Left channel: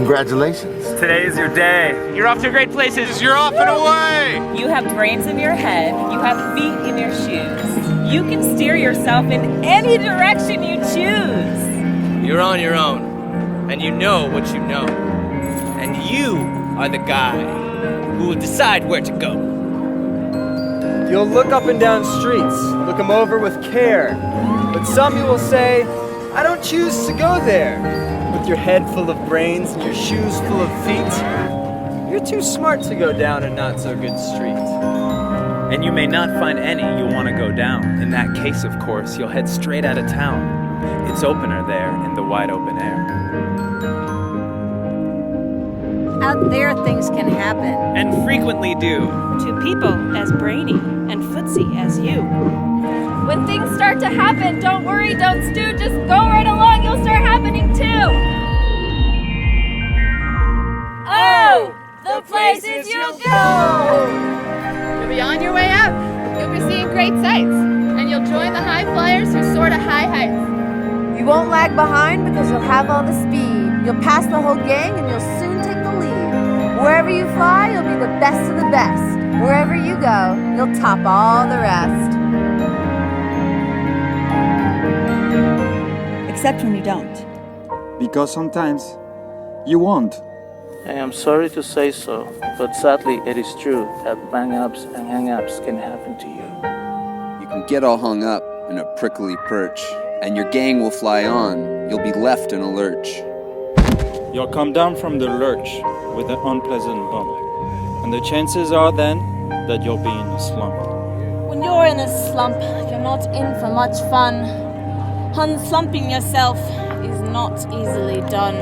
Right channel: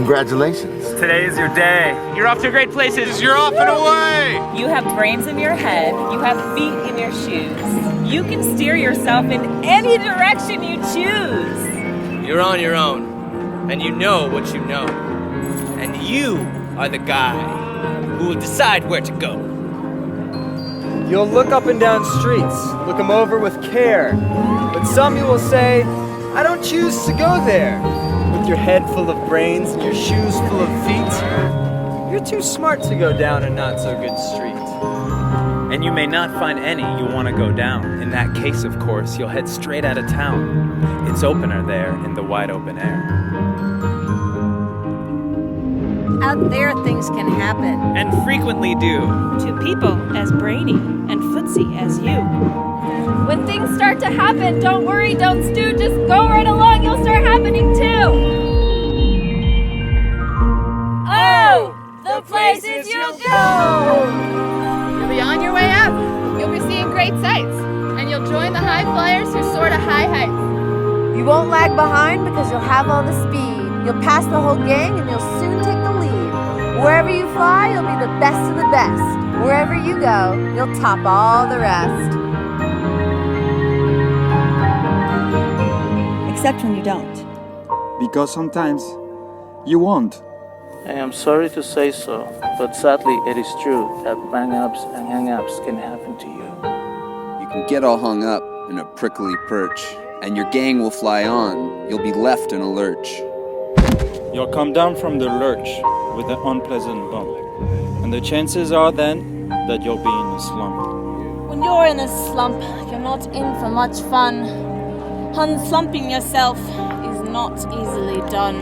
Congratulations. Today is your day. You're off to great places. You're off and away. You have brains in your head. You have feet in your shoes. You can steer yourself in any direction you choose. You're on your own, and you know what you know. And you are the guy who will decide where to go. You'll look up and down streets, look them over with care. But some you will say, I don't choose to go there. With your head full of brains and your shoes full of feet, you're too smart to go down a not-so-good street. And you may not find any you want to go down. In that case, of course, you'll head straight out of town. It's opener there in the wide open air. Out there, things can happen. And frequently do. To people as brainy and footsie as you. When things start to happen, don't worry, don't stew, just go right along, you'll start happening too. Oh, the places you'll go! You'll be on your way up. You'll be seeing great sights. And you'll join the high flyers who soar to high heights. You won't lag behind because you'll have all the speed. You'll pass the whole gang and you'll soon take the lead. Wherever you fly, you'll be the best of the best. Wherever you go, you'll top all the rest. Except when you don't. Because sometimes you won't. I am sorry to say so, but sadly it is true that bang-ups and hang-ups can happen to you. You can get all hung up in a prickly perch, and your gang will fly on. You'll be left in a lurch. You'll come down from the lurch with an unpleasant bump, and the chances are then that you'll be in a slump. When you're in a slump, you're not in for much fun. Unslumping yourself is not easily done.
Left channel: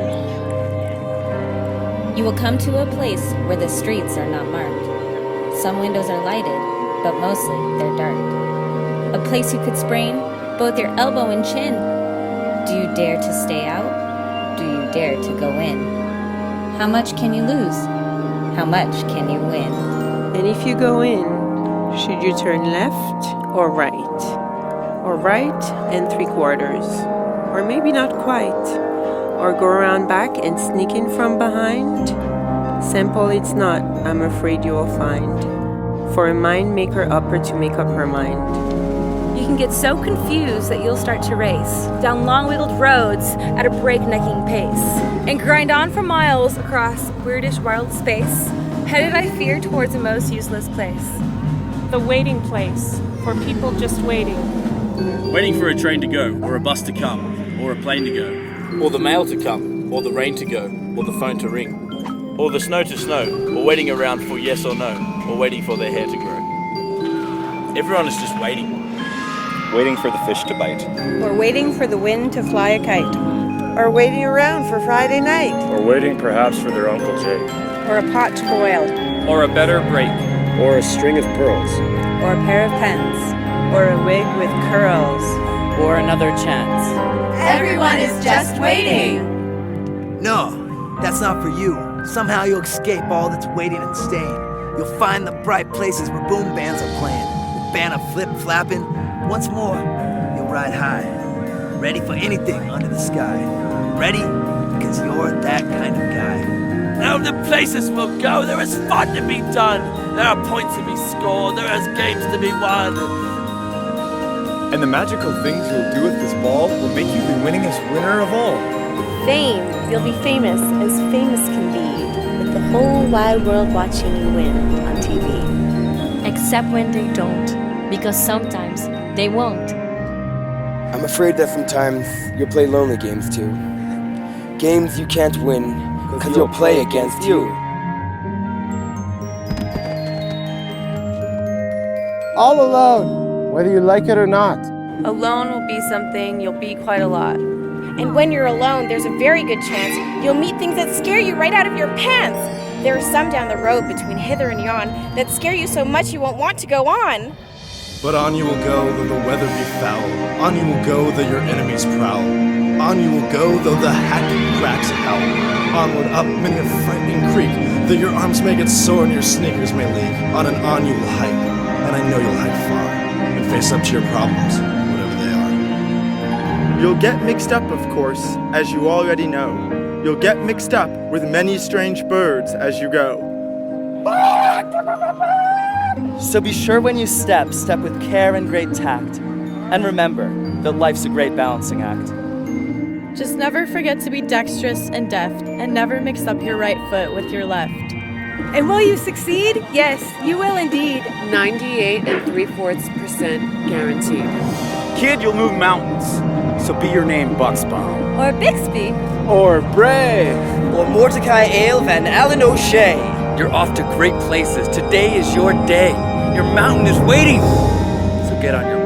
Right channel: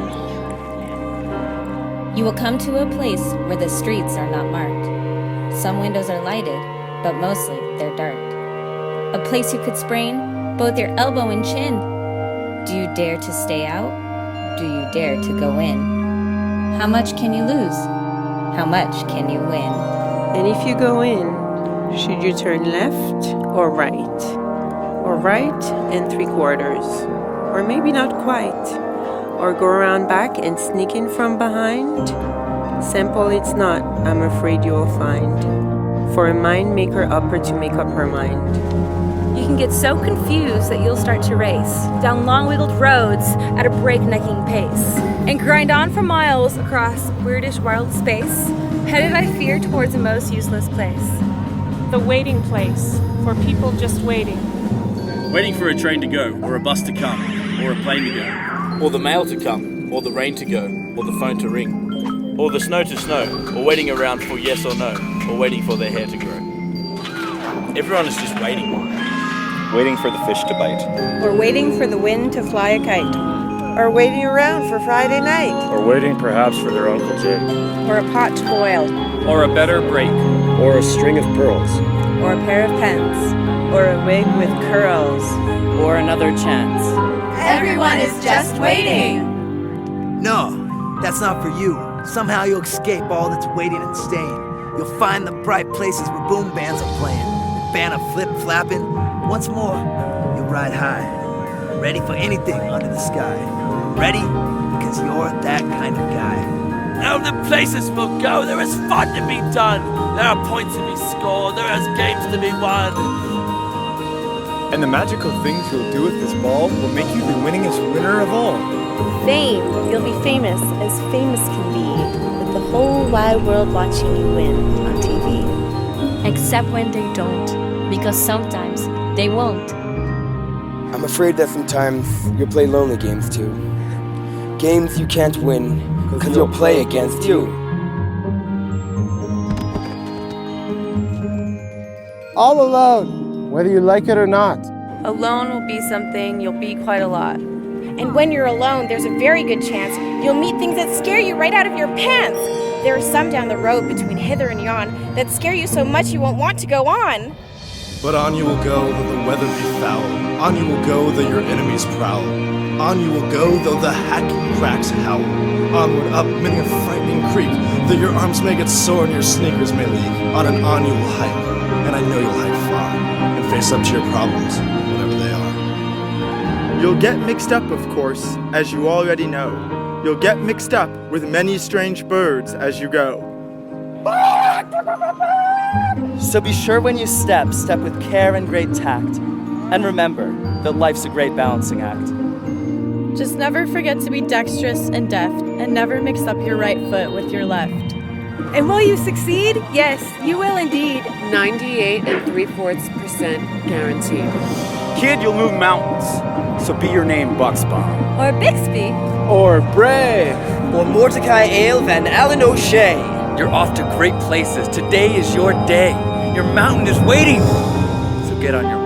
You will come to a place where the streets are not marked. Some windows are lighted, but mostly they're dark. A place you could sprain both your elbow and chin. Do you dare to stay out? Do you dare to go in? How much can you lose? How much can you win? And if you go in, should you turn left or right? Or right and 3/4? Or maybe not quite? Or go around back and sneak in from behind? Simple it's not, I'm afraid you will find. For a mind maker upper to make up her mind. You can get so confused that you'll start to race down long-wiggled roads at a breaknecking pace and grind on for miles across weirdish wild space, headed I fear towards a most useless place. The waiting place for people just waiting. Waiting for a train to go, or a bus to come, or a plane to go. Or the mail to come, or the rain to go, or the phone to ring. Or the snow to snow, or waiting around for yes or no, or waiting for their hair to grow. Everyone is just waiting. Waiting for the fish to bite. Or waiting for the wind to fly a kite. Or waiting around for Friday night. Or waiting perhaps for their Uncle Jake. Or a pot to boil. Or a better break. Or a string of pearls. Or a pair of pens. Or a wig with curls. Or another chance. Everyone is just waiting. No, that's not for you. Somehow you'll escape all that's waiting and staying. You'll find the bright places where boom bands are playing. With banner flip-flapping. Once more, you'll ride high. Ready for anything under the sky. Ready? Because you're that kind of guy. Now the places we'll go, there is fun to be done. There are points to be scored. There is games to be won. And the magical things you'll do at this ball will make you the winningest winner of all. Fame. You'll be famous as famous can be, with the whole wide world watching you win on TV. Except when they don't, because sometimes they won't. I'm afraid that sometimes you'll play lonely games too. Games you can't win, because you'll play against you. All alone, whether you like it or not. Alone will be something you'll be quite a lot. And when you're alone, there's a very good chance you'll meet things that scare you right out of your pants. There are some down the road between hither and yon that scare you so much you won't want to go on. But on you will go though the weather be foul. On you will go though your enemies prowl. On you will go though the hacking cracks howl. Onward up many a frightening creek, though your arms may get sore and your sneakers may leak. On and on you will hike, and I know you'll hike far, and face up to your problems, whatever they are. You'll get mixed up, of course, as you already know. You'll get mixed up with many strange birds as you go. So be sure when you step with care and great tact. And remember that life's a great balancing act. Just never forget to be dexterous and deft, and never mix up your right foot with your left. And will you succeed? Yes, you will indeed. 98 3/4% guaranteed. Kid, you'll move mountains. So be your name Bucksbaum. Or Bixby. Or Bray. Or Mordecai Ale Van Allen O'Shea. You're off to great places. Today is your day. Your mountain is waiting. So get on your